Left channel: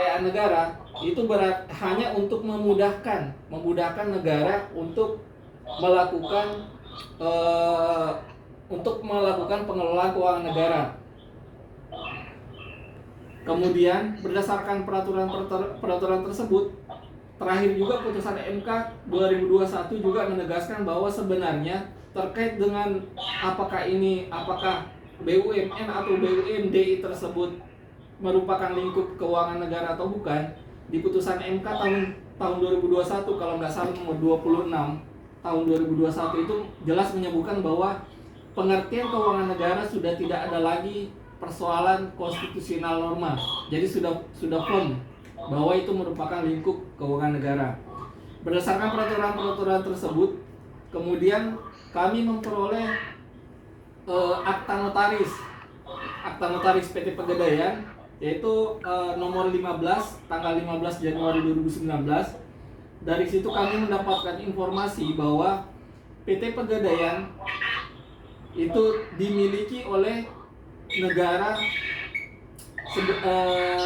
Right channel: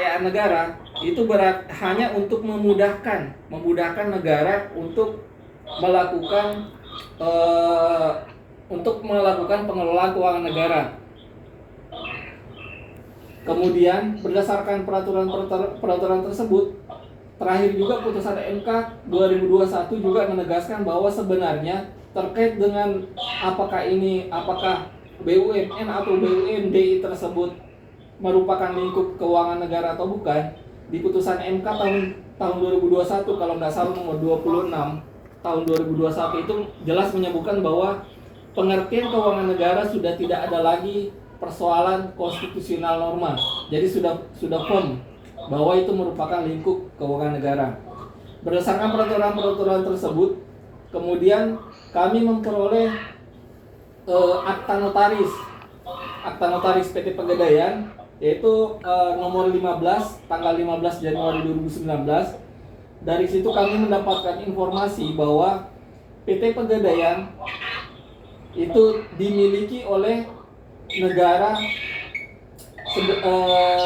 kekayaan negara itu hanya untuk memudahkan negara eh, untuk melakukan pengelolaan keuangan negara. Kemudian berdasarkan peraturan tersebut, terakhir juga putusan MK 2021 juga menegaskan bahwa sebenarnya terkait dengan apakah BUMN atau BUMD tersebut merupakan lingkup keuangan negara atau bukan, di putusan MK tahun 2021 kalau nggak salah nomor 26 tahun 2021 itu jelas menyebutkan bahwa pengertian keuangan negara sudah tidak ada lagi persoalan konstitusional norma. Jadi sudah firm bahwa itu merupakan lingkup keuangan negara. Berdasarkan peraturan-peraturan tersebut, kemudian kami memperoleh akta notaris PT Pegadaian, yaitu nomor 15 tanggal 15 Januari 2019. Dari situ kami mendapatkan informasi bahwa PT Pegadaian itu dimiliki oleh negara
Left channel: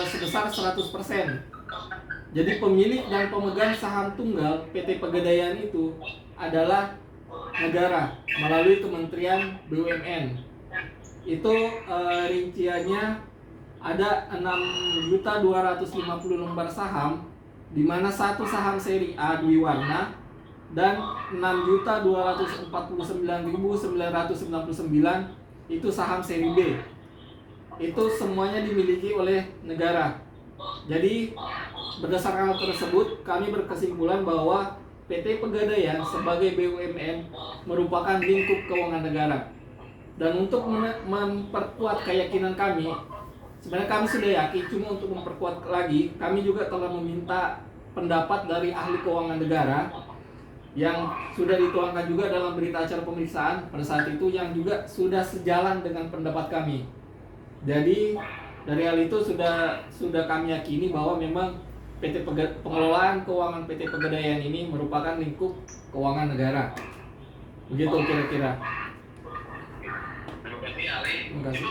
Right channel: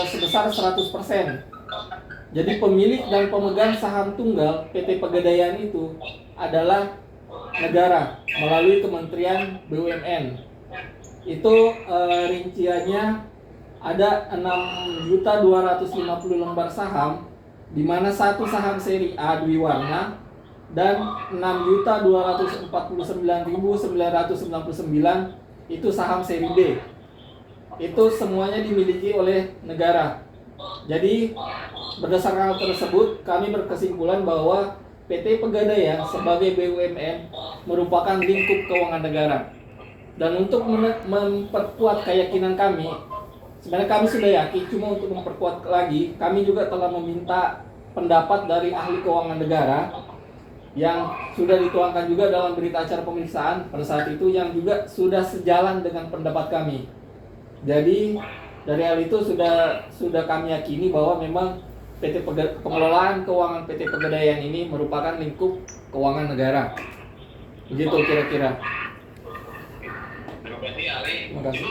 sebesar 100%. Jadi pemilik dan pemegang saham tunggal PT Pegadaian itu adalah negara melalui Kementerian BUMN. Itu rinciannya ada 6.250 lembar saham, di mana satu saham seri A Dwiwarna dan 6.249.999 itu saham seri B. Itu semuanya dimiliki oleh negara. Jadi berdasarkan hal tersebut, kami berkesimpulan bahwa PT Pegadaian sebagai BUMN merupakan lingkup keuangan negara. Dan untuk memperkuat keyakinan kami, sebenarnya kami sudah yakin, cuma untuk memperkuat lagi, kami juga telah meminta pendapat dari ahli keuangan negara yang sudah dituangkan juga dalam berita acara pemeriksaan pada saat itu, yang juga sudah sejalan dengan pendapat kami. Jadi dari hal itu sudah kami yakini bahwa memang pengelolaan keuangan PT Pegadaian ini merupakan lingkup keuangan negara. Begitu kira-kira. Terima kasih.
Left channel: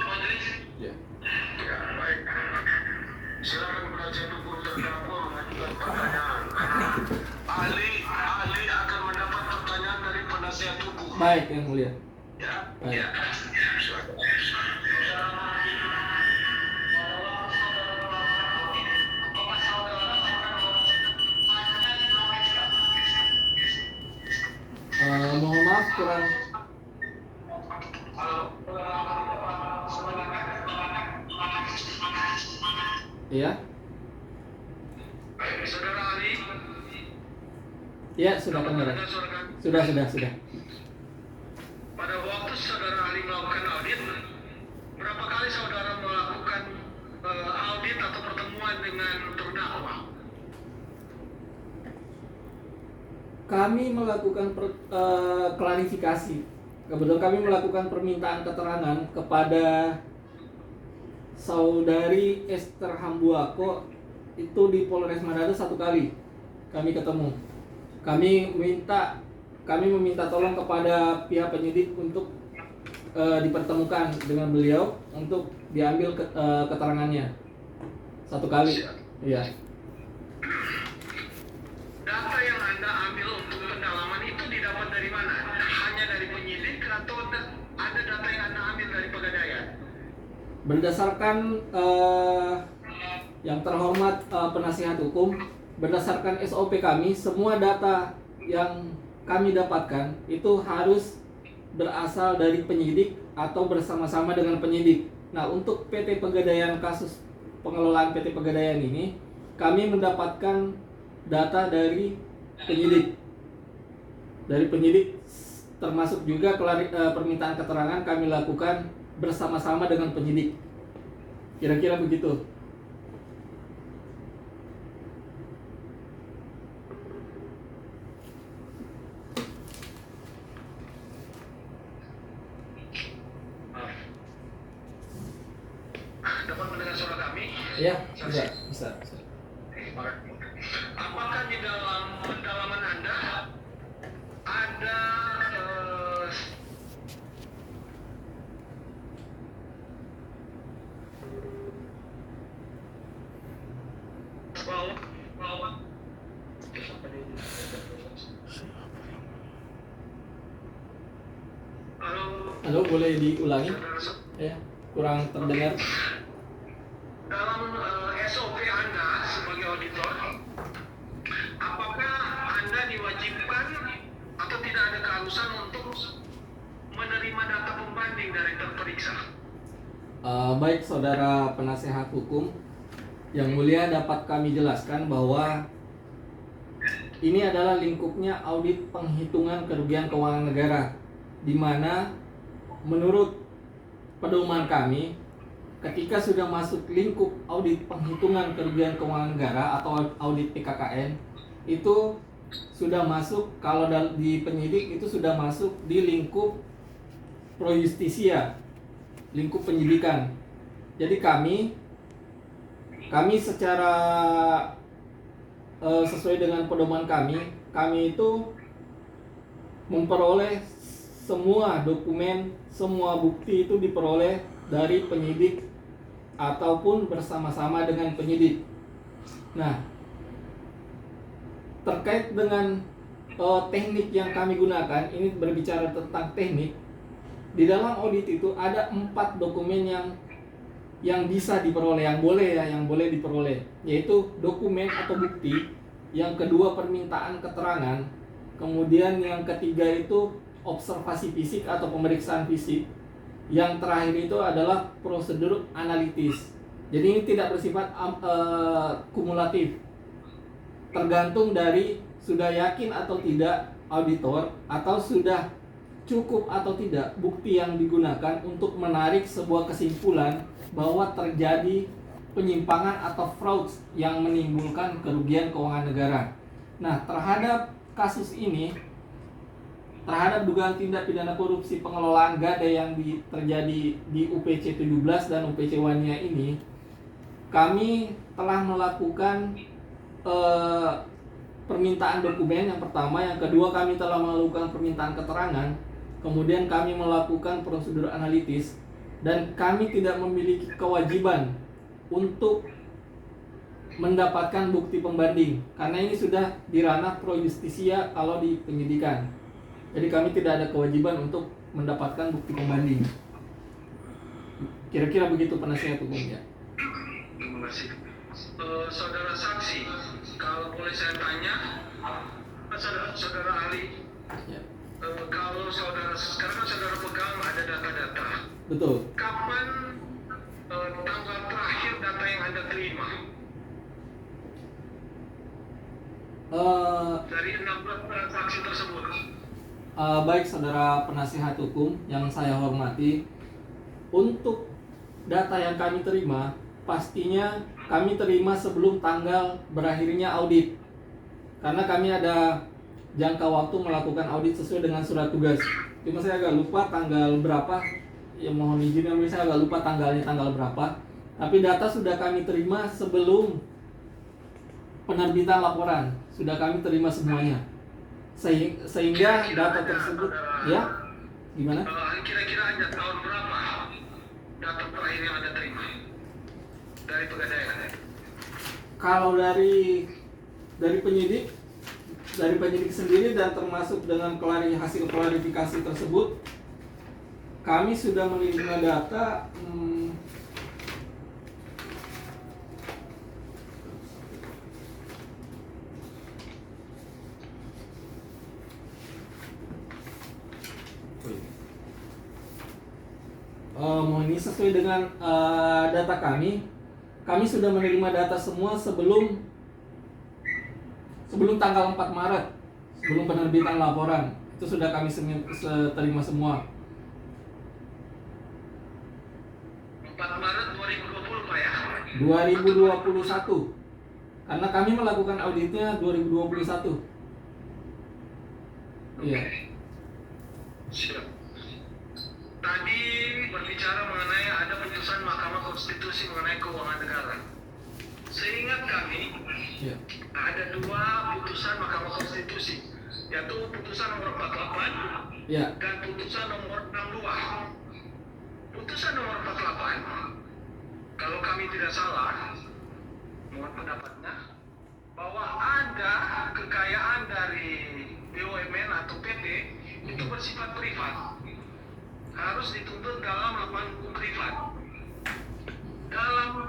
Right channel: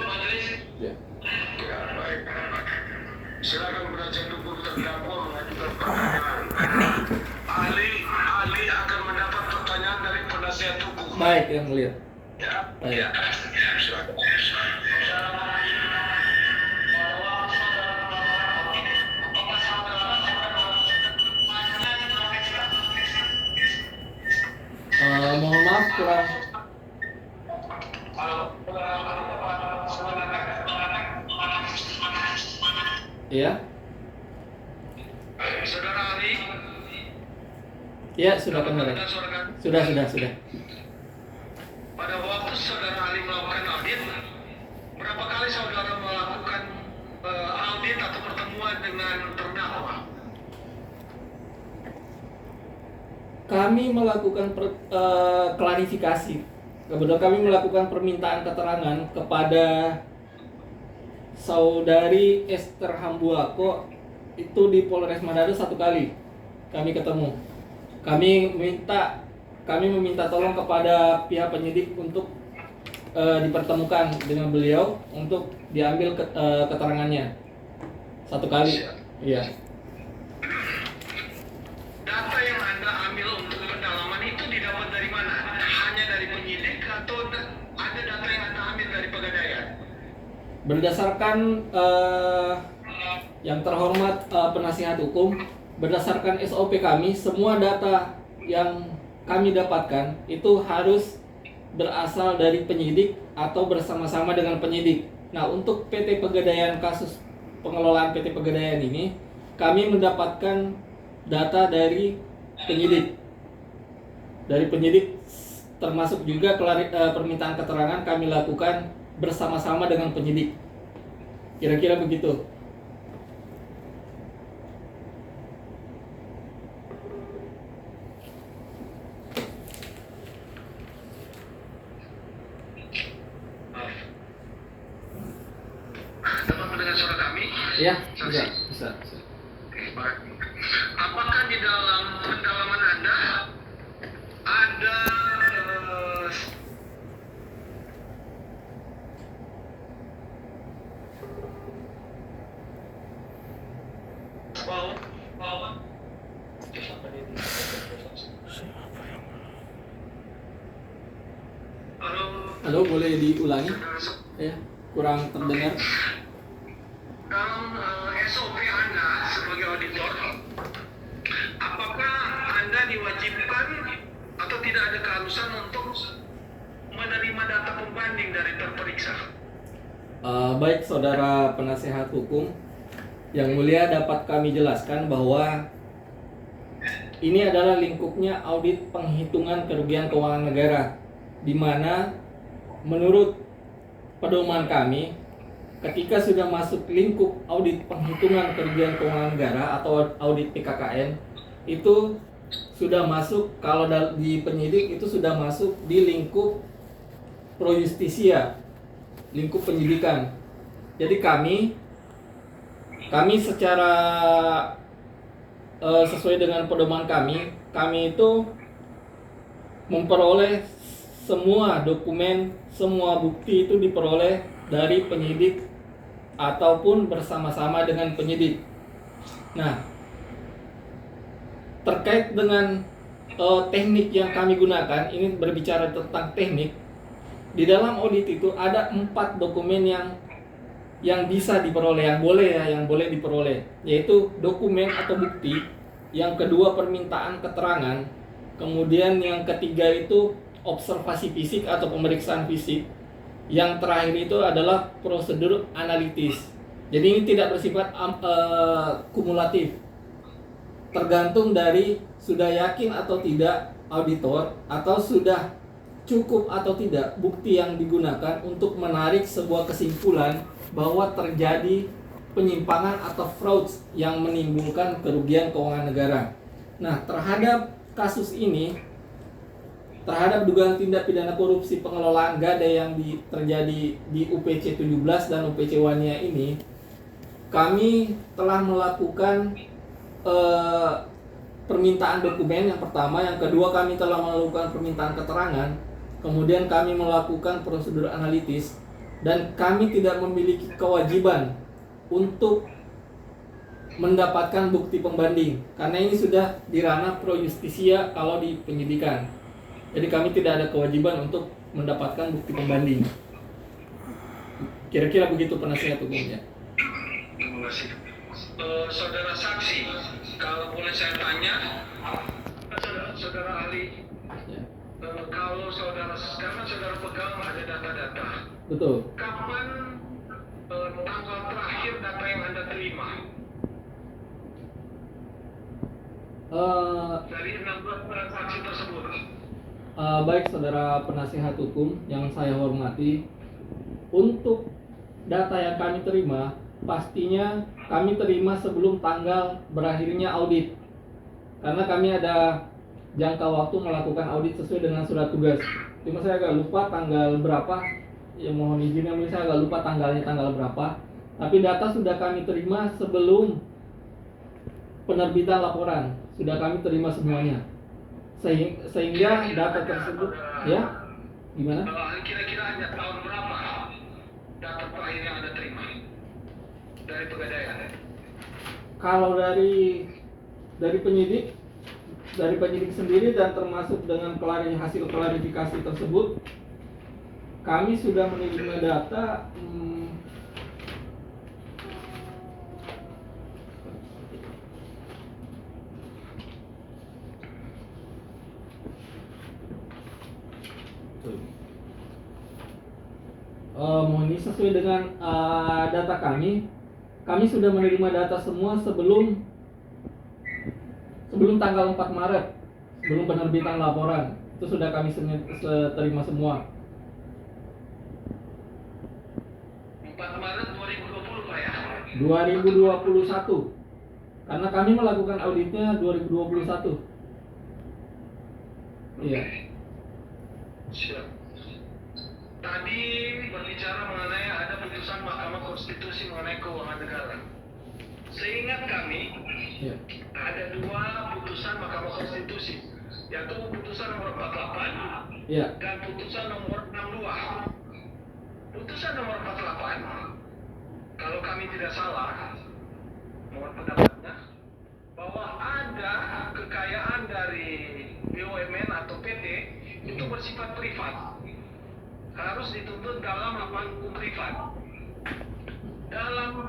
Ya. Baik. Silakan penasihat hukum terdakwa mengajukan pertanyaan. Ahli akan mendapat pertanyaan dari penasihat hukum. Baik, yang mulia. Ya. Baik. Ya. Silakan. Mohon maaf kurang. Iya. Saudara ahli. Iya, sudah dengar. Sudah. Pada waktu saudara ahli melakukan audit, berapa kali saudara melakukan audit atau pertemuan dengan terdakwa? Kami melakukan klarifikasi. Kebetulan kami melakukan permintaan keterangan kepada Saudari Esther Hambuako itu di Polres Manado 1 kali kami ketemu. Kami meminta tolong kepada pihak penyidik untuk dipertemukan dengan beliau untuk diambil keterangannya 1 kali. Iya. Data yang Anda ambil untuk pendalaman itu didapat dari mana? Hanya dari penyidik atau ada data yang Anda ambil dari Pegadaian? Berdasarkan yang terhormat penasihat hukum, berdasarkan SOP kami, semua data yang kami dapatkan itu harus berasal dari penyidik atau bersama-sama dengan penyidik. Nah, untuk PT Pegadaian, kasus pengelolaan PT Pegadaian ini, kami mendapatkan data dari penyidik. Dari penyidik, termasuk juga permintaan keterangan kami lakukan bersama-sama dengan penyidik. Kira-kira begitu. Dapat mendengar suara kami? Iya, bisa. Apakah di dalam pendalaman Anda ada bahwa halo, Halo, boleh diulangi? saudara, Ya, kurang terdengar. dalam SOP Anda sebagai auditor, apakah Anda diwajibkan atau tidak ada keharusan untuk menerima data pembanding dari terperiksa? Baik, saudara penasehat hukum, yang mulia dapat kami jelaskan bahwa ini adalah lingkupnya audit penghitungan kerugian keuangan negara, di mana menurut pedoman kami, ketika sudah masuk lingkup audit penghitungan kerugian keuangan negara atau audit PKKN, itu sudah masuk, kalau di penyidik itu sudah masuk di lingkup pro justisia, lingkup penyidikan. Jadi kami secara sesuai dengan pedoman kami itu memperoleh semua dokumen, semua bukti itu diperoleh dari penyidik ataupun bersama-sama dengan penyidik. Nah, terkait dengan teknik yang kami gunakan, ini berbicara tentang teknik. Di dalam audit itu ada 4 dokumen yang bisa diperoleh, yang boleh diperoleh, yaitu dokumen atau bukti. Yang kedua permintaan keterangan. Kemudian yang ketiga itu observasi fisik atau pemeriksaan fisik. Yang terakhir itu adalah prosedur analitis. Jadi ini tidak bersifat kumulatif. Tergantung dari sudah yakin atau tidak auditor, atau sudah cukup atau tidak bukti yang digunakan untuk menarik sebuah kesimpulan bahwa terjadi penyimpangan atau fraud yang menimbulkan kerugian keuangan negara. Nah, terhadap kasus ini, terhadap dugaan tindak pidana korupsi pengelolaan gadai yang terjadi di UPC 17 dan UPC Wania ini, kami telah melakukan permintaan dokumen yang pertama, yang kedua kami telah melakukan permintaan keterangan, kemudian kami melakukan prosedur analitis, dan kami tidak memiliki kewajiban untuk mendapatkan bukti pembanding karena ini sudah di ranah pro justisia kalau di penyidikan. Jadi kami tidak ada kewajiban untuk mendapatkan bukti pembanding. Kira-kira begitu penasihat hukumnya. Terima kasih. Saudara saksi, kalau boleh saya tanya, saudara ahli, Ya. kalau sekarang kan saudara pegang ada data-data. Betul. Kapan tanggal terakhir data yang Anda terima? Dari 16 transaksi tersebut. Baik, saudara penasihat hukum yang saya hormati, untuk data yang kami terima, pastinya kami terima sebelum tanggal berakhirnya audit. Karena kami ada jangka waktu melakukan audit sesuai dengan surat tugas. Cuma saya agak lupa tanggal berapa. Ya mohon izin, saya agak lupa tanggalnya tanggal berapa. Tapi data sudah kami terima sebelum penerbitan laporan. Sudah kami terima semuanya. Sehingga data tersebut, ya, gimana? Kira-kira Anda tahun berapa data terakhir yang Anda terima dari Pegadaian? Kalau dari penyidik sendiri dan termasuk dengan hasil klarifikasi tersebut, kami sudah menerima data mohon ini sesuai dengan data kami sudah menerima data semua sebelum tanggal 4 Maret, sebelum penerbitan laporan. Itu sudah kami terima semua. 4 Maret 2020 Pak ya? 2021. Karena kami melakukan auditnya 2021. Iya. Siap. Tadi berbicara mengenai ada putusan Mahkamah Konstitusi mengenai keuangan negara. Seingat kami, Iya. ada 2 putusan Mahkamah Konstitusi, yaitu putusan nomor 48 Iya. dan putusan nomor 62. Putusan nomor 48, kalau kami tidak salah, mohon pendapatnya, ada kekayaan dari BUMN atau PT itu bersifat privat, harus dituntut dalam lapangan hukum privat. Dalam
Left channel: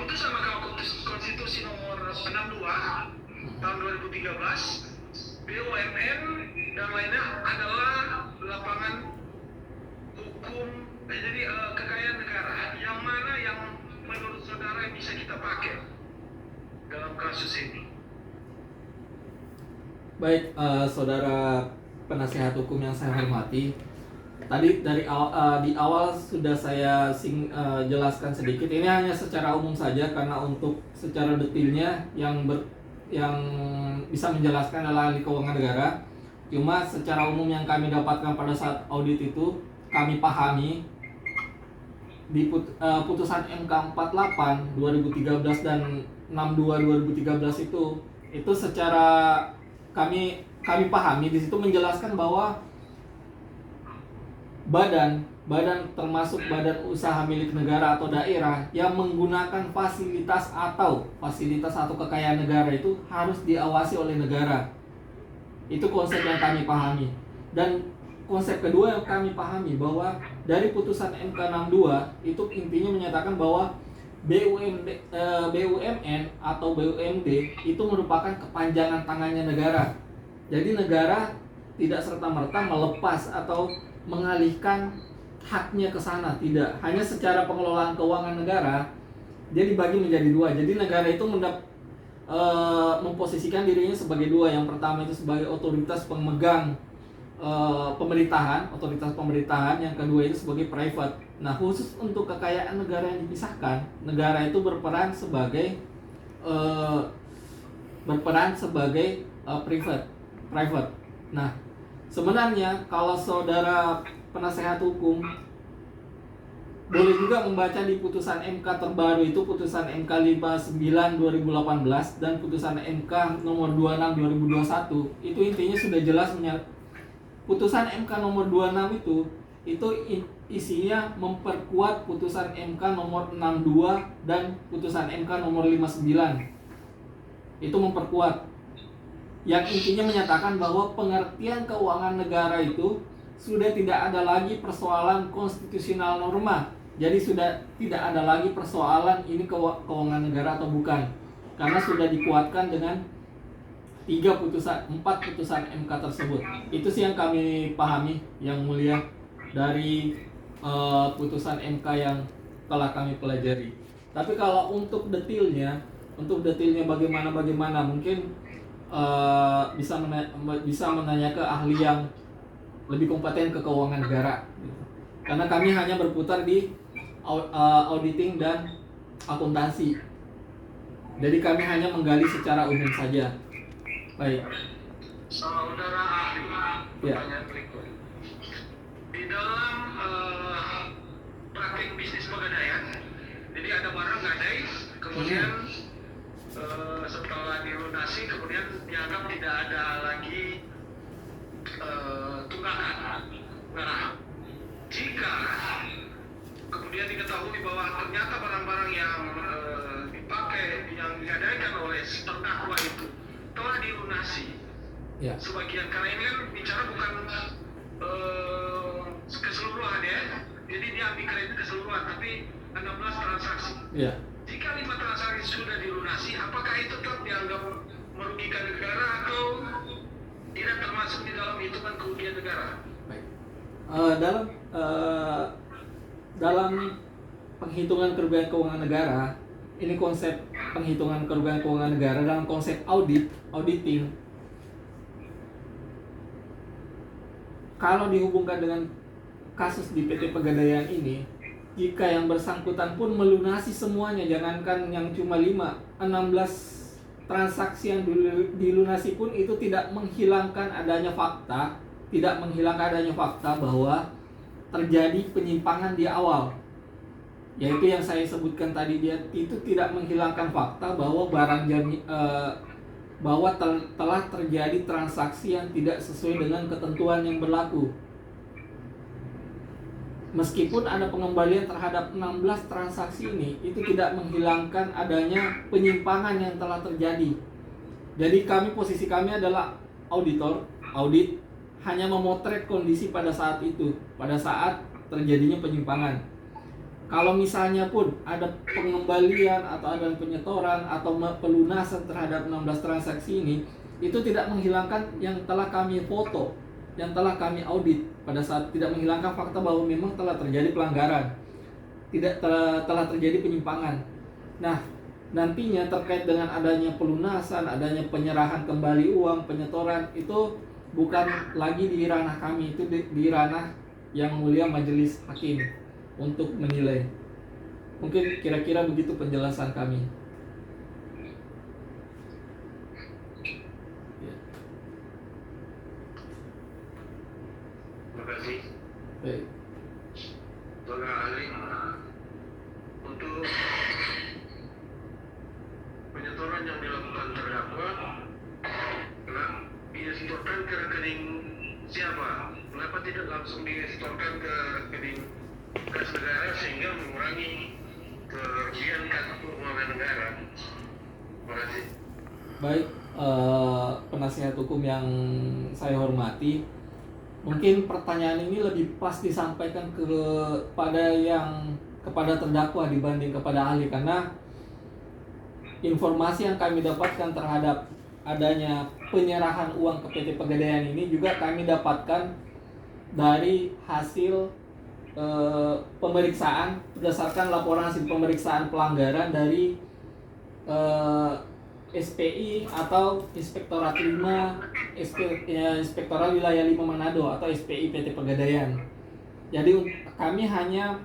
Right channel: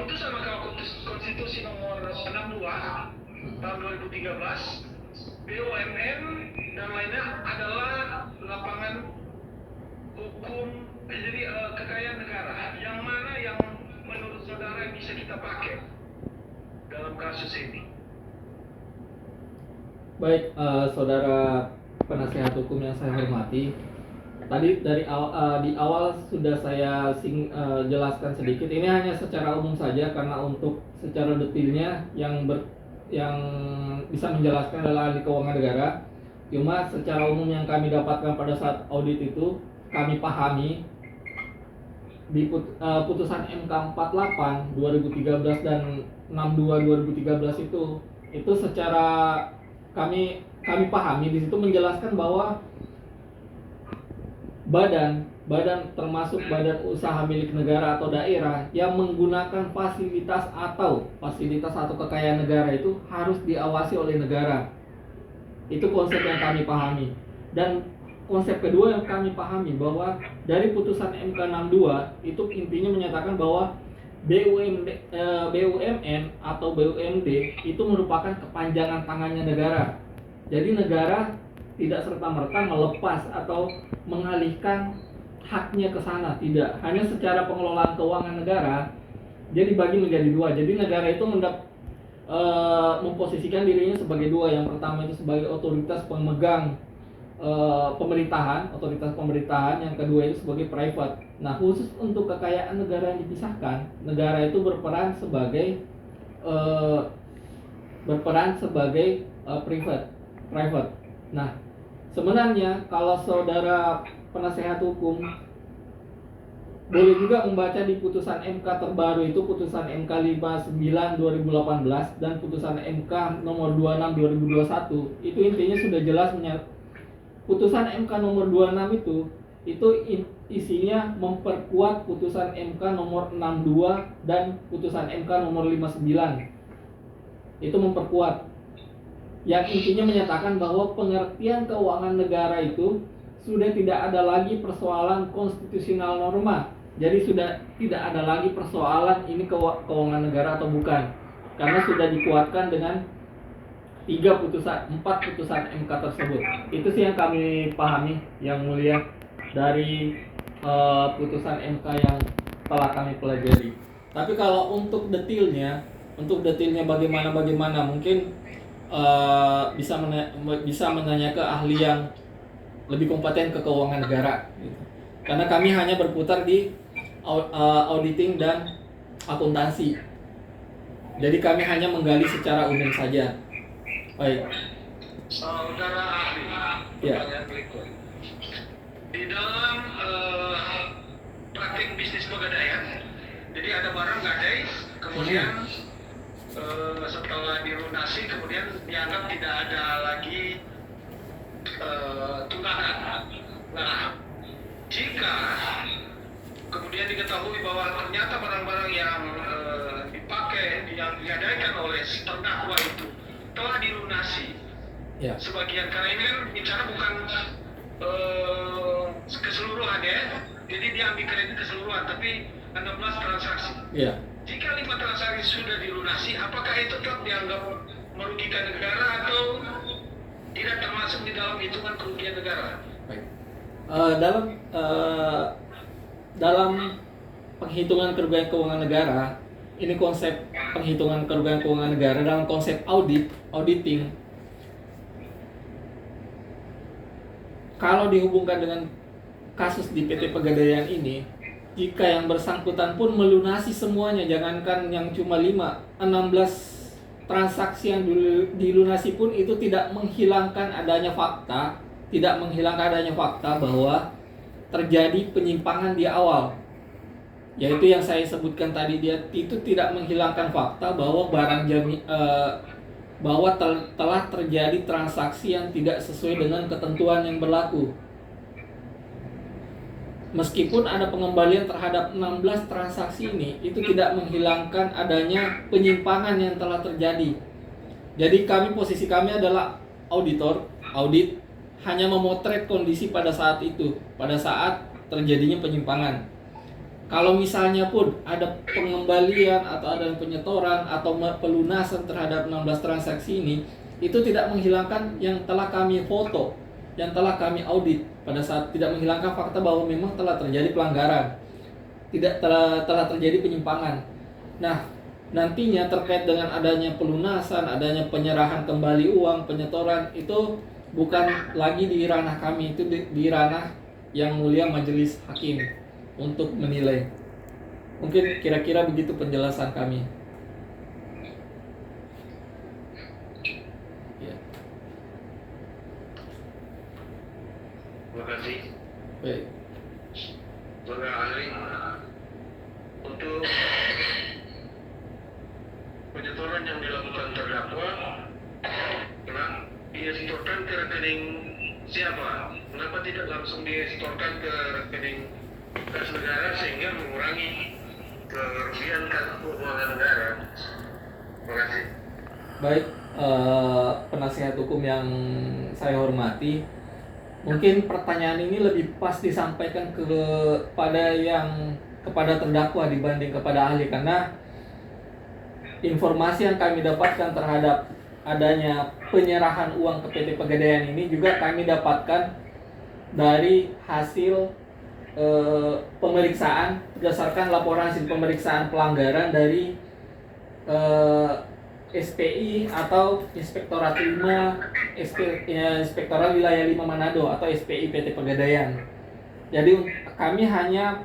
putusan Mahkamah Konstitusi nomor 62 tahun 2013, BUMN dan lainnya adalah lapangan hukum, jadi kekayaan negara. Yang mana yang menurut saudara bisa kita pakai dalam kasus ini? Baik, saudara penasihat hukum yang saya hormati, tadi di awal sudah saya jelaskan sedikit. Ini hanya secara umum saja karena untuk secara detailnya yang bisa menjelaskan adalah ahli keuangan negara. Cuma secara umum yang kami dapatkan pada saat audit itu, kami pahami di putusan MK 48 2013 dan 62 2013 itu secara kami pahami di situ menjelaskan bahwa badan termasuk badan usaha milik negara atau daerah yang menggunakan fasilitas atau kekayaan negara itu harus diawasi oleh negara. Itu konsep yang kami pahami. Dan konsep kedua yang kami pahami bahwa dari putusan MK 62 itu intinya menyatakan bahwa BUMN atau BUMD itu merupakan kepanjangan tangannya negara. Jadi negara tidak serta-merta melepas atau mengalihkan haknya ke sana, tidak. Hanya secara pengelolaan keuangan negara dia dibagi menjadi dua. Jadi negara itu memposisikan dirinya sebagai dua. Yang pertama itu sebagai otoritas pemegang otoritas pemerintahan. Yang kedua itu sebagai private. Nah, khusus untuk kekayaan negara yang dipisahkan, negara itu berperan sebagai private. Nah, sebenarnya kalau saudara penasehat hukum boleh juga membaca di putusan MK terbaru itu, putusan MK 59 2018 dan putusan MK nomor 26 2021, itu intinya sudah jelas putusan MK nomor 26 itu isinya memperkuat putusan MK nomor 62 dan putusan MK nomor 59. Itu memperkuat. Yang intinya menyatakan bahwa pengertian keuangan negara itu sudah tidak ada lagi persoalan konstitusional norma. Jadi sudah tidak ada lagi persoalan ini keuangan negara atau bukan. Karena sudah dikuatkan dengan 4 putusan MK tersebut. Itu sih yang kami pahami, yang mulia, dari putusan MK yang telah kami pelajari. Tapi kalau untuk detailnya bagaimana mungkin bisa menanya ke ahli yang lebih kompeten ke keuangan negara gitu. Karena kami hanya berputar di auditing dan akuntansi. Jadi kami hanya menggali secara umum saja. Baik. Saudara ahli, pertanyaan berikut. Di dalam praktik bisnis pegadaian, jadi ada barang gadai, kemudian setelah dilunasi kemudian dianggap tidak ada lagi tunggakan. Nah, jika kemudian diketahui bahwa ternyata barang-barang yang dipakai, yang digadaikan oleh terdakwa itu telah dilunasi, sebagian, karena ini kan bicara bukan keseluruhan ya, jadi dia ambil kredit keseluruhan, tapi 16 transaksi. Jika 5 transaksi sudah dilunasi, apakah itu tetap dianggap merugikan negara atau tidak termasuk di dalam hitungan kerugian negara? Baik. Dalam penghitungan kerugian keuangan negara, ini konsep penghitungan kerugian keuangan negara dalam konsep auditing. Kalau dihubungkan dengan kasus di PT Pegadaian ini, jika yang bersangkutan pun melunasi semuanya, jangankan yang cuma 16 transaksi yang dilunasi pun itu tidak menghilangkan adanya fakta bahwa terjadi penyimpangan di awal. Yaitu yang saya sebutkan tadi, dia itu tidak menghilangkan fakta bahwa telah terjadi transaksi yang tidak sesuai dengan ketentuan yang berlaku. Meskipun ada pengembalian terhadap 16 transaksi ini, itu tidak menghilangkan adanya penyimpangan yang telah terjadi. Jadi posisi kami adalah audit, hanya memotret kondisi pada saat itu, pada saat terjadinya penyimpangan. Kalau misalnya pun ada pengembalian atau ada penyetoran atau pelunasan terhadap 16 transaksi ini, itu tidak menghilangkan yang telah kami foto, yang telah kami audit pada saat, tidak menghilangkan fakta bahwa memang telah terjadi pelanggaran, telah terjadi penyimpangan. Nah, nantinya terkait dengan adanya pelunasan, adanya penyerahan kembali uang, penyetoran, itu bukan lagi di ranah kami, itu di ranah yang mulia majelis hakim untuk menilai. Mungkin kira-kira begitu penjelasan kami. Ya. Terima kasih. Baik. Saudara ahli, untuk penyetoran yang dilakukan terdakwa, disetorkan ke rekening siapa? Kenapa tidak langsung disetorkan ke rekening kas negara sehingga mengurangi kerugian keuangan negara? Terima kasih. Baik, penasihat hukum yang saya hormati, mungkin pertanyaan ini lebih pas disampaikan kepada terdakwa dibanding kepada ahli, karena informasi yang kami dapatkan terhadap adanya penyerahan uang ke PT Pegadaian ini juga kami dapatkan dari hasil pemeriksaan, berdasarkan laporan hasil pemeriksaan pelanggaran dari SPI atau Inspektorat 5 Inspektorat Wilayah 5 Manado atau SPI PT Pegadaian. Jadi kami hanya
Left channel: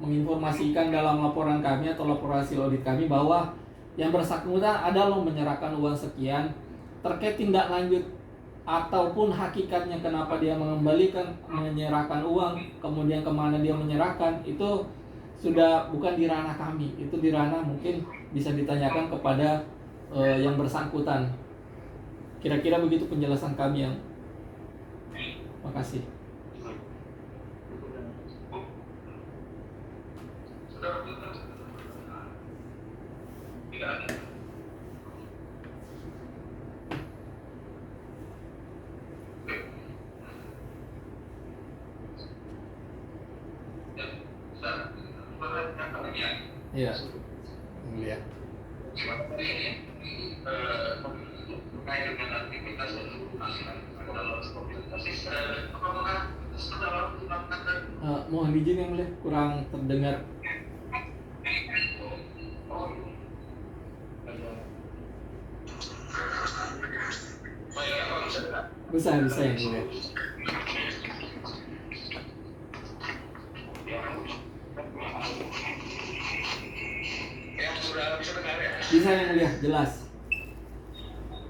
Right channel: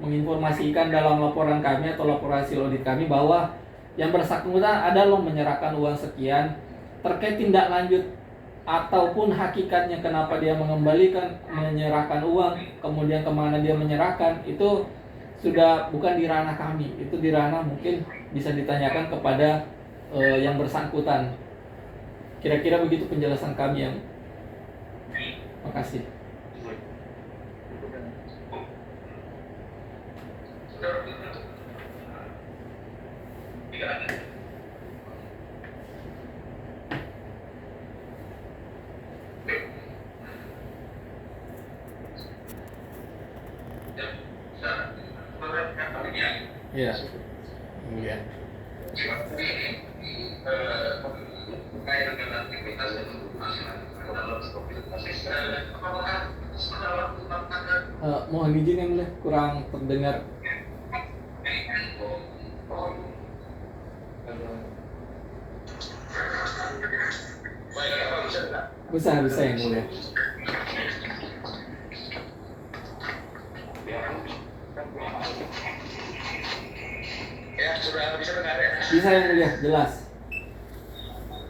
menginformasikan dalam laporan kami atau laporan hasil audit kami bahwa yang bersangkutan ada loh menyerahkan uang sekian. Terkait tindak lanjut ataupun hakikatnya kenapa dia menyerahkan uang, kemudian kemana dia menyerahkan, itu sudah bukan di ranah kami, itu di ranah mungkin bisa ditanyakan kepada yang bersangkutan. Kira-kira begitu penjelasan kami yang. Makasih. Iya. Iya. Mohon izin yang mulia, kurang terdengar. Bisa yang mulia. Ya, sudah bisa dengar ya? Bisa yang mulia, jelas.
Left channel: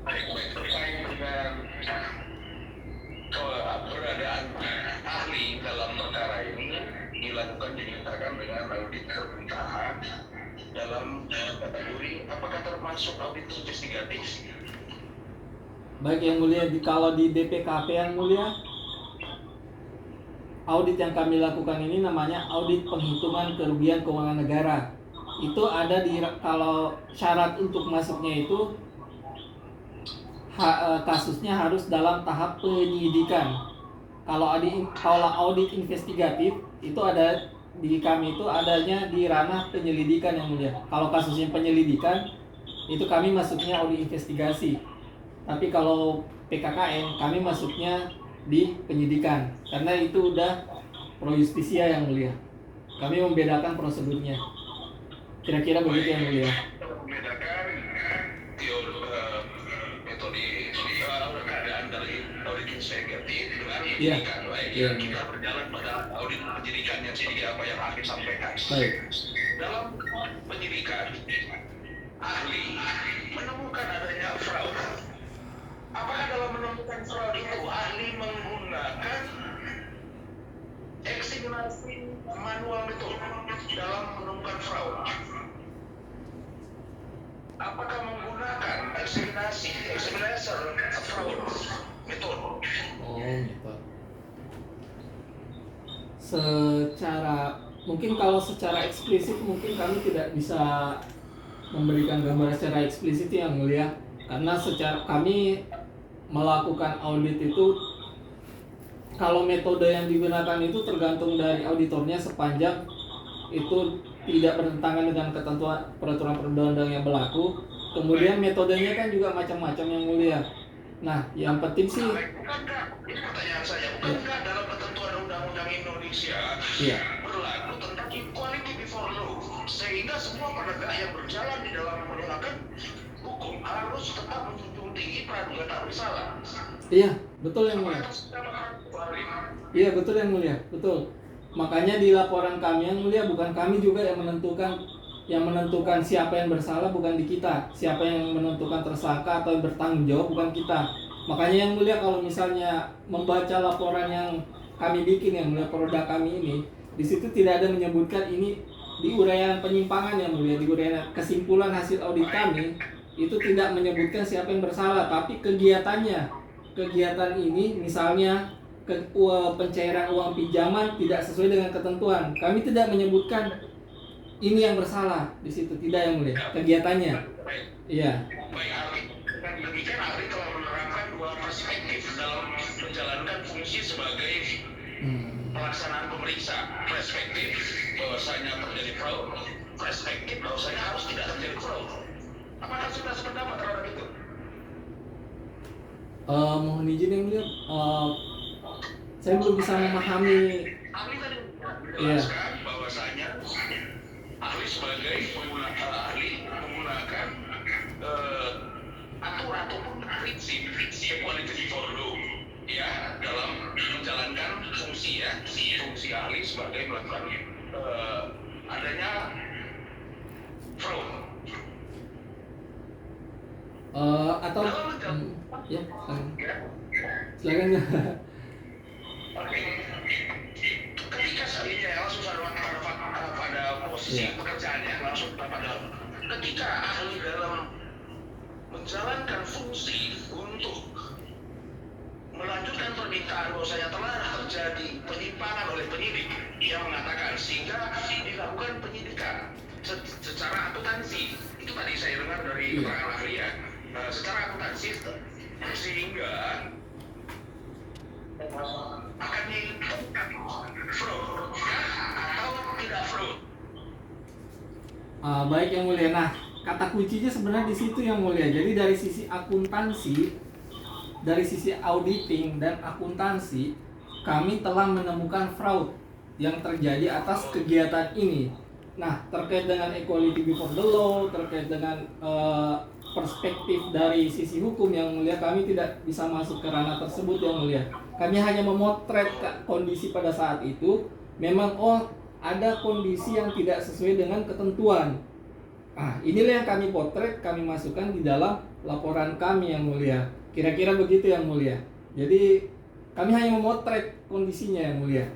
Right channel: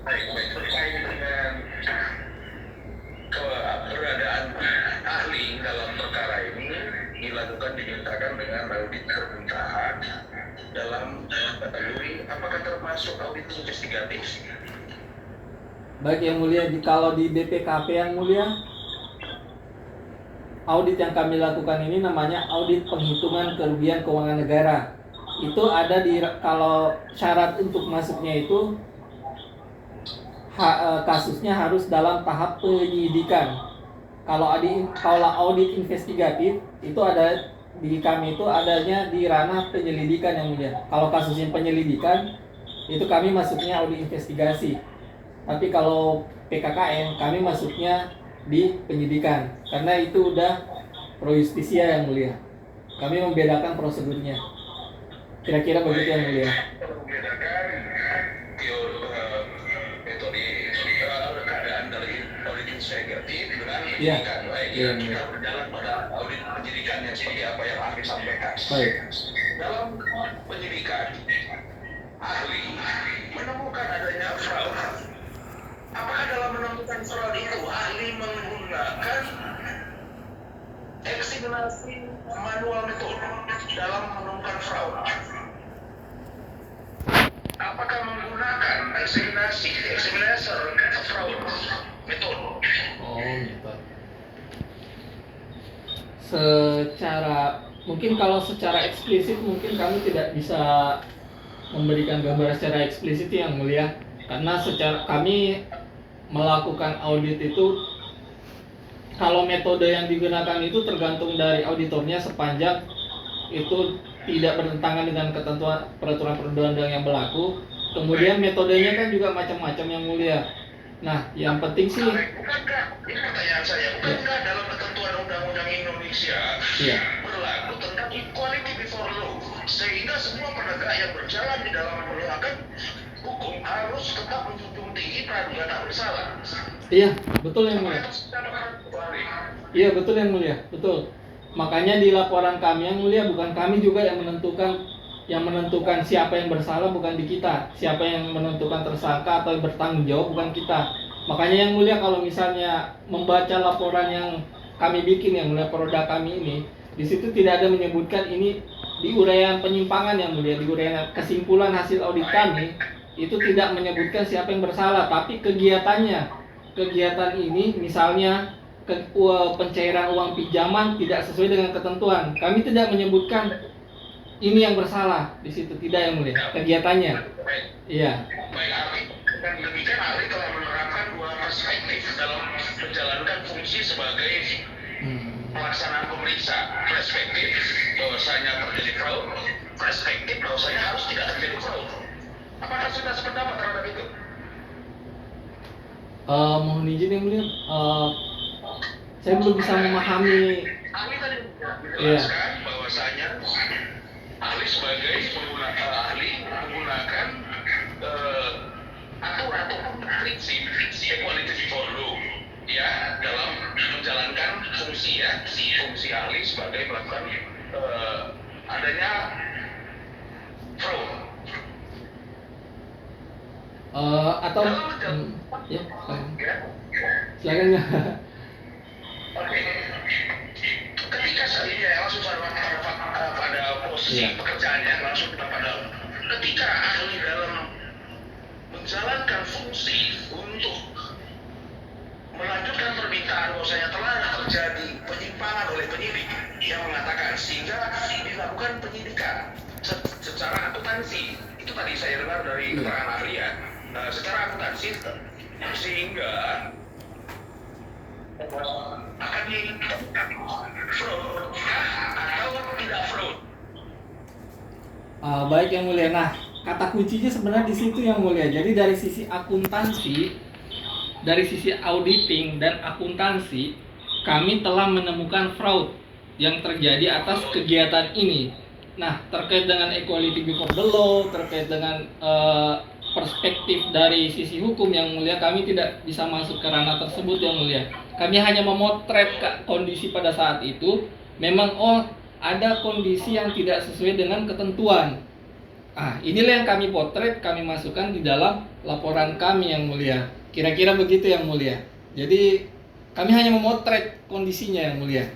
Baik, terkait dengan keberadaan ahli dalam perkara ini dilakukan dinyatakan dengan audit permintaan dalam kategori apakah termasuk audit investigatif? Baik yang mulia, kalau di BPKP yang mulia, audit yang kami lakukan ini namanya audit penghitungan kerugian keuangan negara. Itu ada kalau syarat untuk masuknya itu kasusnya harus dalam tahap penyidikan. Kalau audit investigatif itu ada di kami, itu adanya di ranah penyelidikan yang mulia. Kalau kasusnya penyelidikan itu kami masuknya audit investigasi. Tapi kalau PKKN kami masuknya di penyidikan, karena itu udah pro justisia yang mulia. Kami membedakan prosedurnya. Kira-kira begitu yang mulia. Membedakan metode keadaan dari audit investigatif dengan penyidikan. Iya. Kita berjalan pada audit penyidikan yang seperti apa yang ahli sampaikan. Baik. Dalam penyidikan, ahli menemukan adanya fraud. Apakah dalam menemukan fraud itu ahli menggunakan eksaminasi manual metode dalam menemukan fraud? Apakah menggunakan examinator fraud metode? Oh, gitu. Secara mungkin kalau secara eksplisit mungkin kami tidak bisa memberikan gambar secara eksplisit yang mulia, karena secara kami melakukan audit itu, kalau metode yang digunakan itu tergantung dari auditornya, sepanjang itu tidak bertentangan dengan ketentuan peraturan perundang-undangan yang berlaku. Kemudian metodenya kan juga macam-macam yang mulia. Nah, yang penting sih, Bukankah, ini pertanyaan saya, bukankah dalam ketentuan undang-undang Indonesia iya, berlaku tentang equality before law, sehingga semua penegak yang berjalan di dalam penegakan hukum harus tetap menjunjung tinggi praduga tak bersalah. iya, betul yang mulia. Iya, betul yang mulia, betul. Makanya di laporan kami yang mulia, bukan kami juga yang menentukan siapa yang bersalah, bukan di kita. Siapa yang menentukan tersangka atau yang bertanggung jawab, bukan kita. Makanya yang mulia, kalau misalnya membaca laporan yang kami bikin, yang mulia, produk kami ini, di situ tidak ada menyebutkan ini di uraian penyimpangan yang mulia, di uraian kesimpulan hasil audit kami itu tidak menyebutkan siapa yang bersalah, tapi kegiatan ini misalnya pencairan uang pinjaman tidak sesuai dengan ketentuan, kami tidak menyebutkan ini yang bersalah di situ, tidak yang mulia, kegiatannya. Iya. Baik, ahli. Dan demikian ahli telah menerapkan dua perspektif dalam menjalankan fungsi sebagai pelaksanaan pemeriksa. Perspektif bahwasanya terjadi fraud, perspektif bahwasanya harus tidak terjadi fraud. Apakah sudah sependapat terhadap itu? Mohon izin yang mulia, saya belum bisa memahami. Ahli tadi menjelaskan bahwasanya ahli sebagai ahli menggunakan aturan ataupun prinsip equality before law ya dalam menjalankan fungsi ahli sebagai melakukan adanya fraud. Atau ya, silakan ya. Oke. Ketika saya langsung pada posisi pekerjaannya langsung pada ketika ahli dalam menjalankan fungsi untuk melanjutkan permintaan bahwasanya telah terjadi penyimpangan oleh penyidik yang mengatakan sehingga dilakukan penyidikan secara akuntansi, itu tadi saya dengar dari keterangan ahli ya, secara akuntansi sehingga akan ditentukan fraud atau tidak fraud. Baik yang mulia. Nah, kata kuncinya sebenarnya di situ yang mulia. Jadi dari sisi akuntansi, dari sisi auditing dan akuntansi, kami telah menemukan fraud yang terjadi atas kegiatan ini. Nah, terkait dengan equality before the law, terkait dengan perspektif dari sisi hukum yang mulia, kami tidak bisa masuk ke ranah tersebut yang mulia. Kami hanya memotret kondisi pada saat itu. Memang ada kondisi yang tidak sesuai dengan ketentuan. Inilah yang kami potret, kami masukkan di dalam laporan kami yang mulia. Kira-kira begitu yang mulia. Jadi kami hanya memotret kondisinya yang mulia.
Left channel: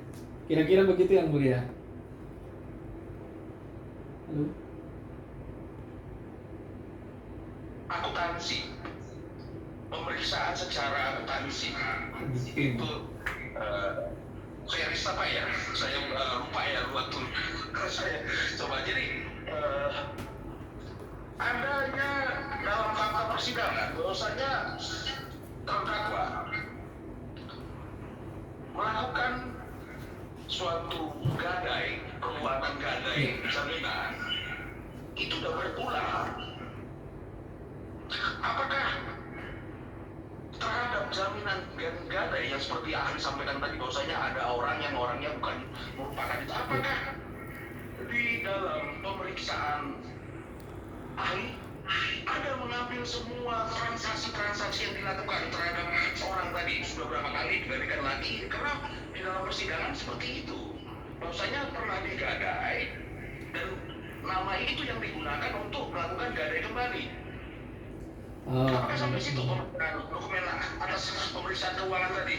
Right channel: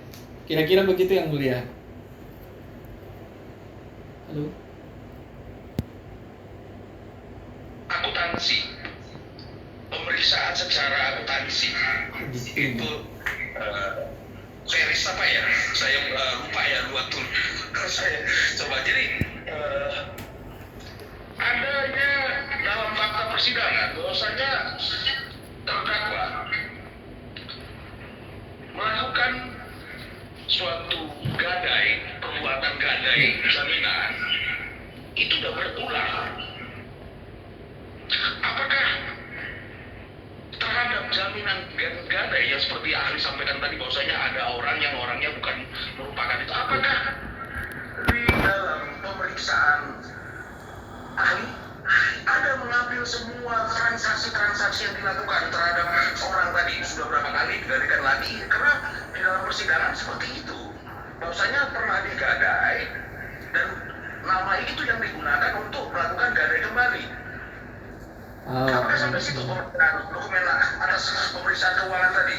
Kira-kira begitu yang mulia. Halo. Akuntansi, pemeriksaan secara akuntansi itu series apa ya? Saya lupa ya waktu saya coba. Jadi adanya dalam fakta persidangan bahwasanya terdakwa melakukan suatu perbuatan gadai jaminan itu sudah berulang. Apakah terhadap jaminan gadai yang seperti ahli sampaikan tadi bahwasanya ada orang yang orangnya bukan merupakan itu, apakah di dalam pemeriksaan ahli ada mengambil semua transaksi yang dilakukan terhadap orang tadi sudah berapa kali digadikan lagi, karena di dalam persidangan seperti itu bahwasanya pernah digadai dan nama itu yang digunakan untuk melakukan gadai kembali. Apakah sampai situ dokumen atas pemeriksaan keuangan tadi?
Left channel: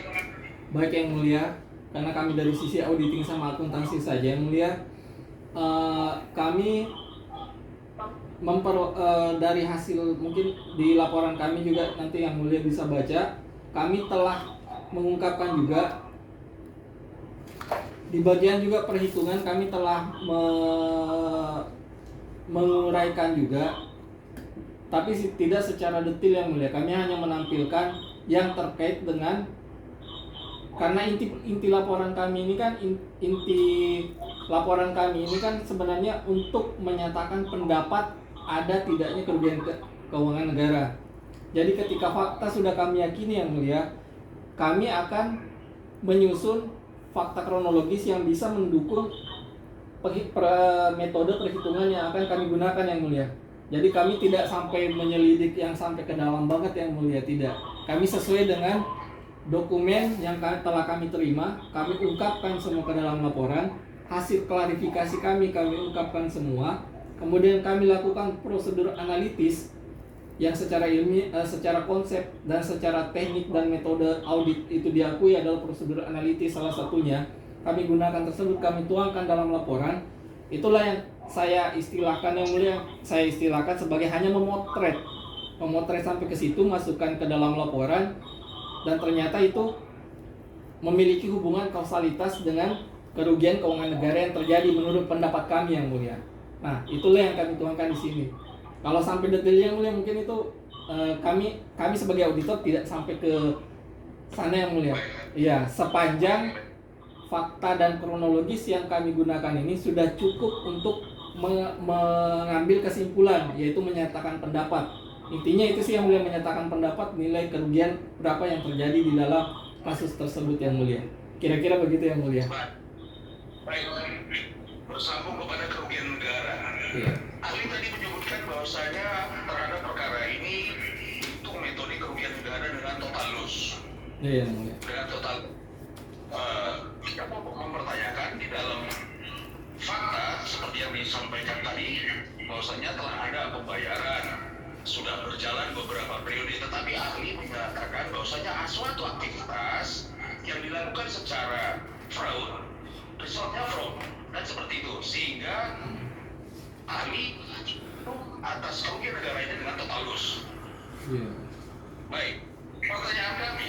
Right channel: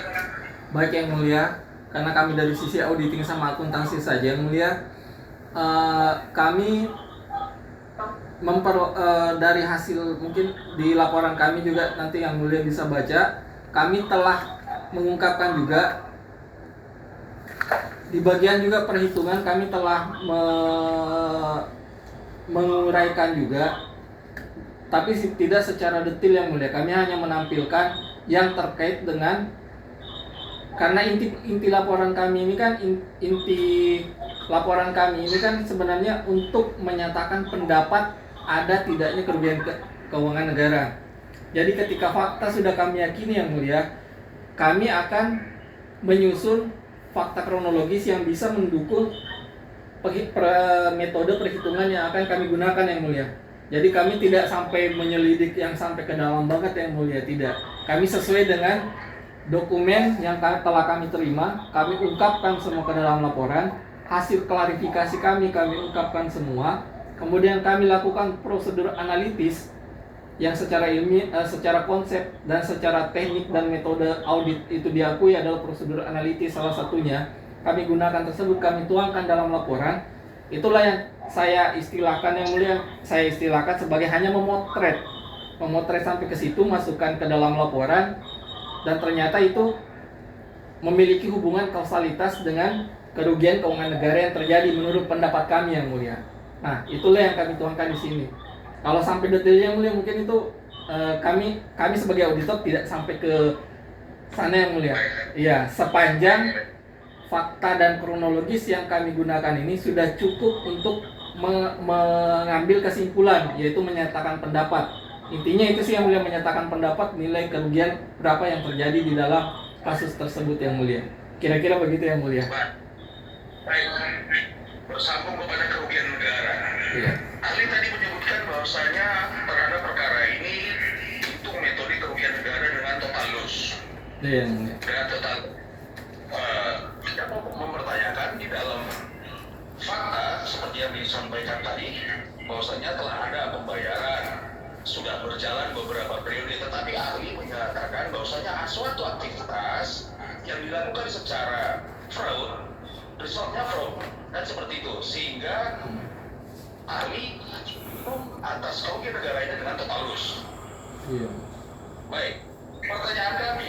Baik yang mulia, karena kami dari sisi auditing sama akuntansi saja yang mulia, kami dari hasil mungkin di laporan kami juga nanti yang mulia bisa baca, kami telah mengungkapkan juga Di bagian juga perhitungan kami telah menguraikan juga, tapi tidak secara detail yang mulia. Kami hanya menampilkan yang terkait dengan, karena inti laporan kami ini kan sebenarnya untuk menyatakan pendapat ada tidaknya kerugian keuangan negara. Jadi ketika fakta sudah kami yakini yang mulia, kami akan menyusun fakta kronologis yang bisa mendukung metode perhitungan yang akan kami gunakan yang mulia. Jadi kami tidak sampai menyelidik yang sampai ke dalam banget yang mulia, tidak. Kami sesuai dengan dokumen yang telah kami terima, kami ungkapkan semua ke dalam laporan, hasil klarifikasi kami ungkapkan semua, kemudian kami lakukan prosedur analitis yang secara ilmiah, secara konsep dan secara teknik dan metode audit itu diakui adalah prosedur analitis salah satunya. Kami gunakan tersebut, kami tuangkan dalam laporan. Itulah yang saya istilahkan yang mulia, saya istilahkan sebagai hanya memotret sampai ke situ, masukkan ke dalam laporan, dan ternyata itu memiliki hubungan kausalitas dengan kerugian keuangan negara yang terjadi menurut pendapat kami yang mulia. Nah, itulah yang kami tuangkan di sini. Kalau sampai detailnya yang mulia mungkin itu kami sebagai auditor tidak sampai ke sana yang mulia. Iya, sepanjang fakta dan kronologis yang kami gunakan ini sudah cukup untuk mengambil kesimpulan, yaitu menyatakan pendapat. Intinya itu sih yang mulia, menyatakan pendapat nilai kerugian berapa yang terjadi di dalam kasus tersebut yang mulia. Kira-kira begitu yang mulia. Baik, bersambung kepada kerugian negara. Iya. Ahli tadi menyebutkan bahwasanya terhadap perkara ini hitung metode kerugian negara dengan total loss. Iya yang mulia. Dengan total, kita mau mempertanyakan di dalam fakta seperti yang disampaikan tadi, bahwasanya telah ada pembayaran, sudah berjalan beberapa periode, tetapi ahli menyatakan bahwasanya suatu aktivitas yang dilakukan secara fraud, resultnya fraud, dan seperti itu, sehingga ahli atas kerugian negara ini dengan total loss. Iya. Baik, pertanyaan kami,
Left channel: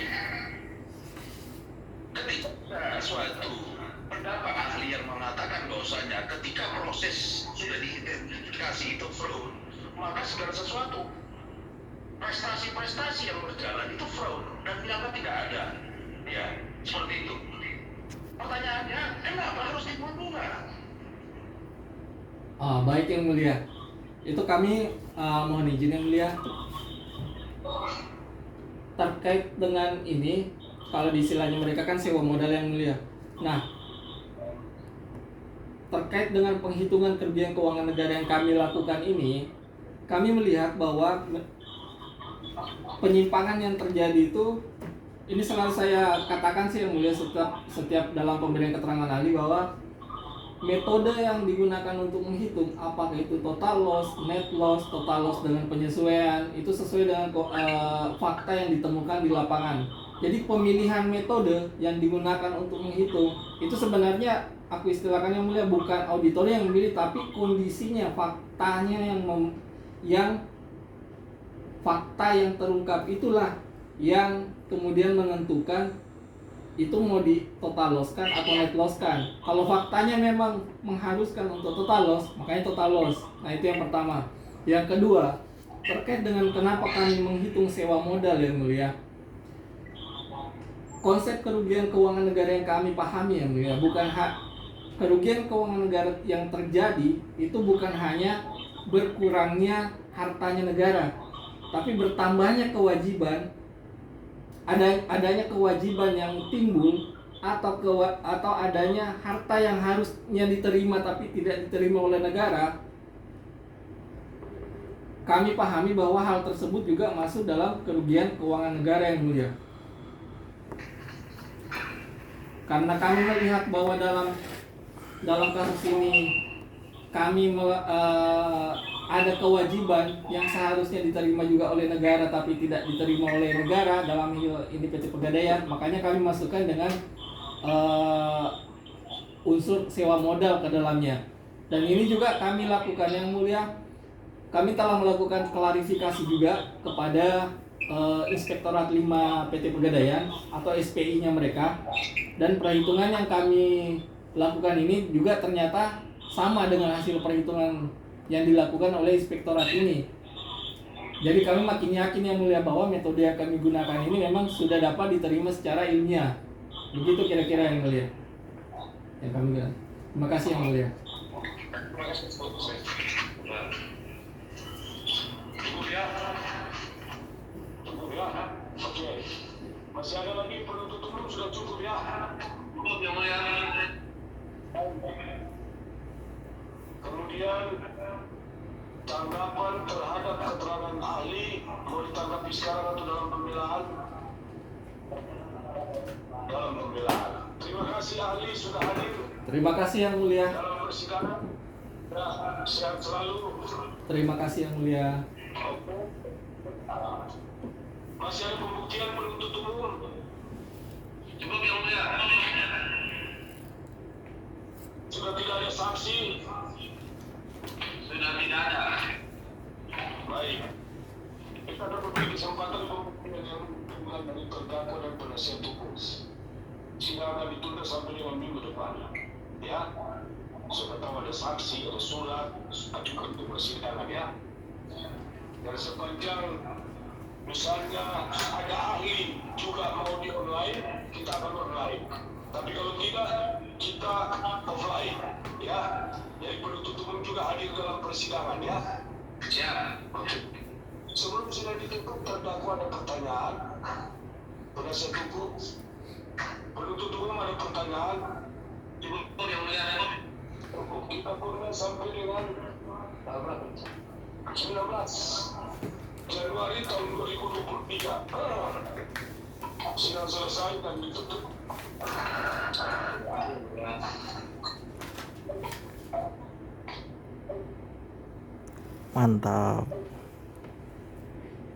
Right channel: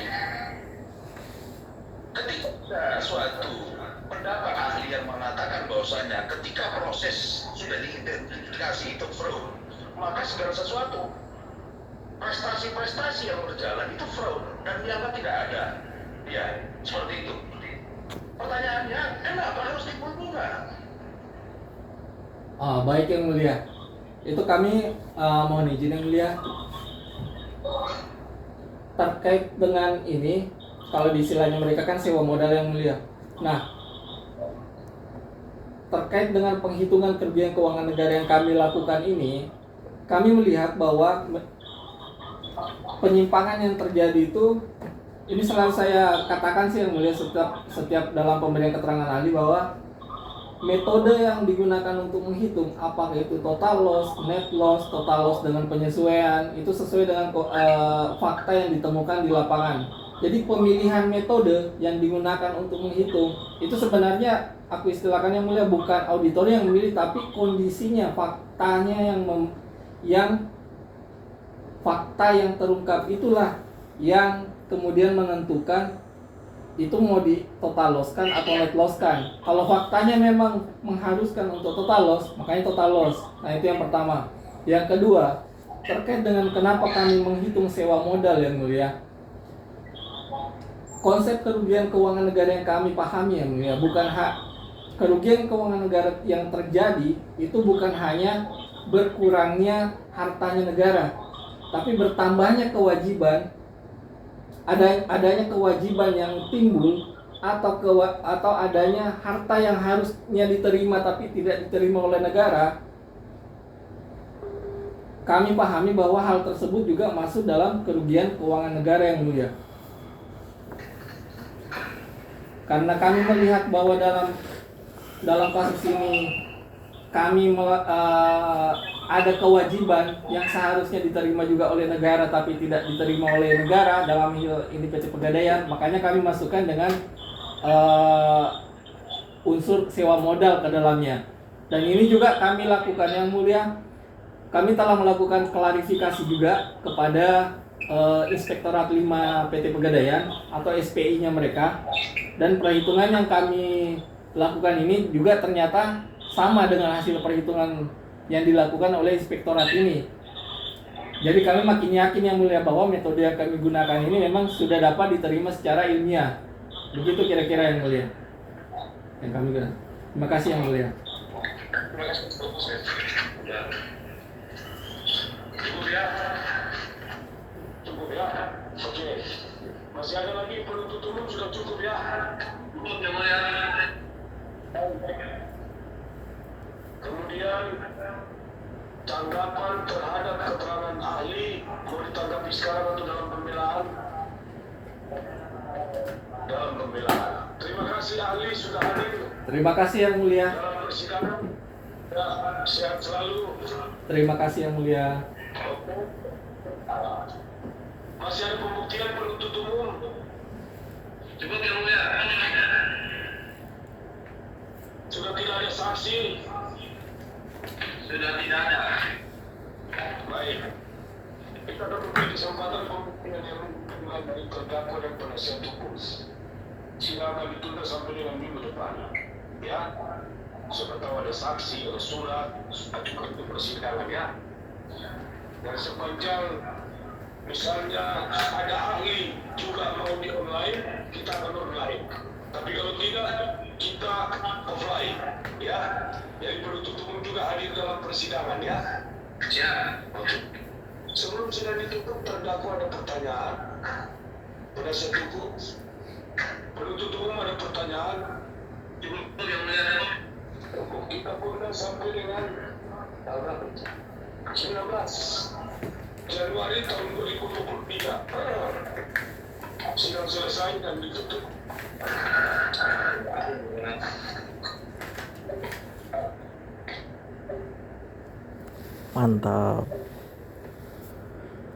ketika suatu pendapat ahli yang mengatakan bahwasanya ketika proses sudah diidentifikasi itu fraud, maka segala sesuatu prestasi-prestasi yang berjalan itu fraud dan dianggap tidak ada, ya seperti itu. Pertanyaannya, kenapa harus timbul bunga? Baik yang mulia. Itu kami mohon izin yang mulia. Terkait dengan ini, kalau di istilahnya mereka kan sewa modal yang mulia. Nah, terkait dengan penghitungan kerugian keuangan negara yang kami lakukan ini, kami melihat bahwa penyimpangan yang terjadi itu, ini selalu saya katakan sih yang mulia setiap dalam pemberian keterangan ahli, bahwa metode yang digunakan untuk menghitung apakah itu total loss, net loss, total loss dengan penyesuaian itu sesuai dengan fakta yang ditemukan di lapangan. Jadi pemilihan metode yang digunakan untuk menghitung itu sebenarnya aku istilahkan yang mulia bukan auditor yang memilih, tapi kondisinya, faktanya yang fakta yang terungkap itulah yang kemudian menentukan itu mau di total loss kan atau net loss kan. Kalau faktanya memang mengharuskan untuk total loss, makanya total loss. Nah itu yang pertama. Yang kedua, terkait dengan kenapa kami menghitung sewa modal yang mulia, konsep kerugian keuangan negara yang kami pahami yang mulia, bukan kerugian keuangan negara yang terjadi itu bukan hanya berkurangnya hartanya negara, tapi bertambahnya kewajiban, adanya kewajiban yang timbul atau adanya harta yang harusnya diterima tapi tidak diterima oleh negara. Kami pahami bahwa hal tersebut juga masuk dalam kerugian keuangan negara yang mulia. Karena kami melihat bahwa dalam kasus ini kami ada kewajiban yang seharusnya diterima juga oleh negara tapi tidak diterima oleh negara dalam ini PT Pegadaian, makanya kami masukkan dengan unsur sewa modal ke dalamnya. Dan ini juga kami lakukan yang mulia, kami telah melakukan klarifikasi juga kepada Inspektorat 5 PT Pegadaian atau SPI-nya mereka, dan perhitungan yang kami lakukan ini juga ternyata sama dengan hasil perhitungan yang dilakukan oleh inspektorat ini. Jadi kami makin yakin yang mulia bahwa metode yang kami gunakan ini memang sudah dapat diterima secara ilmiah. Begitu kira-kira yang mulia yang kami gunakan. Terima kasih yang mulia. Terima kasih. Ya. Cukup ya. Cukup ya. Oke. Masih ada lagi penuntut umum, sudah cukup ya. Cukup yang mulia. Kemudian tanggapan terhadap keterangan ahli mau ditanggapi sekarang atau dalam pembelaan? Dalam pembelaan. Terima kasih ahli sudah hadir Terima kasih yang mulia. dalam persidangan. Ya, sehat selalu. Terima kasih yang mulia. Oke. Masih ada pembuktian penuntut umum? Cukup yang mulia. Sudah tidak ada saksi? Sudah tidak ada. Baik. Kita akan memberi kesempatan pembuktian yang dimulai dari terdakwa dan penasihat hukum. Sidang akan ditunda sampai dengan minggu depan. Ya. Siapa tahu ada saksi atau surat ajukan untuk persidangan ya. Dan sepanjang misalnya ada ahli juga mau di online, kita akan online. Tapi kalau tidak, kita offline ya. Jadi penuntut umum juga hadir dalam persidangan ya. Ya. Oke. Sebelum sudah ditutup terdakwa ada pertanyaan. Penasihat hukum, penuntut umum ada pertanyaan. Cukup yang mulia. Kita pun sampai dengan 19 Januari tahun 2023. Sidang selesai dan ditutup. Mantap.